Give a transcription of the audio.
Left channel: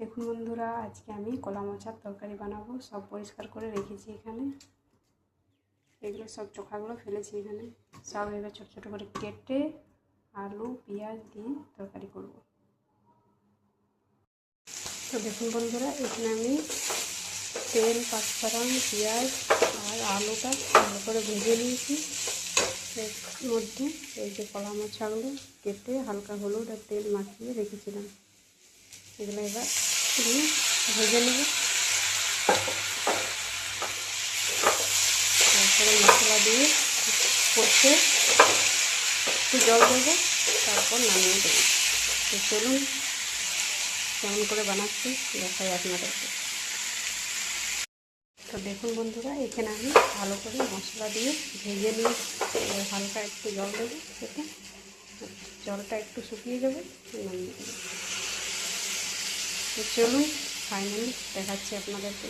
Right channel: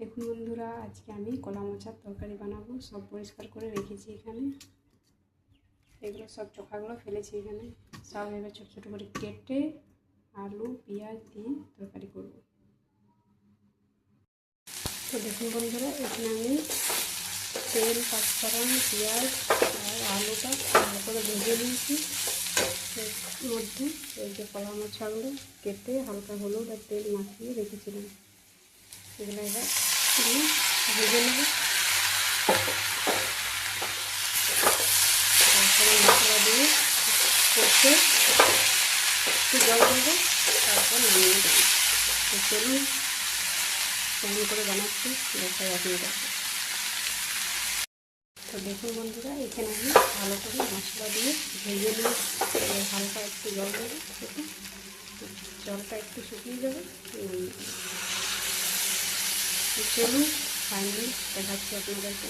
দেখুন বন্ধুরা, আজকে আমি কলা মোচার তরকারি বানাবো। সব পরিষ্কার করে রেখেছি এখানে। এগুলো সব চোখাগুলো ফেলেছি এখানে। সব এবার ছোটো ছোটো করে কেটে আলু পেঁয়াজ দিয়ে তরকারি করব। তো দেখুন বন্ধুরা, এখানে আমি তেল, পাঁচফোড়ন, পেঁয়াজ আর আলুটা ভালো করে ভেজে নিয়েছি। এর মধ্যে এই যে কলা মোচাগুলো কেটে হালকা হলুদ আর তেল মাখিয়ে রেখেছিলাম, এগুলো এবার দিয়ে ভেজে নেব। তারপরে মশলা দিয়ে কষে একটু জল দেবো, তারপর নামিয়ে দেবো। তো চলুন কেমন করে বানাচ্ছি দেখাই আপনাদেরকে। তো দেখুন বন্ধুরা, এখানে আমি ভালো করে মশলা দিয়ে ভেজে নিয়ে হালকা একটু জল দেবো, সেটা জলটা একটু শুকিয়ে যাবে, নামিয়ে দেবো। তো চলুন ফাইনালি দেখাচ্ছি আপনাদেরকে।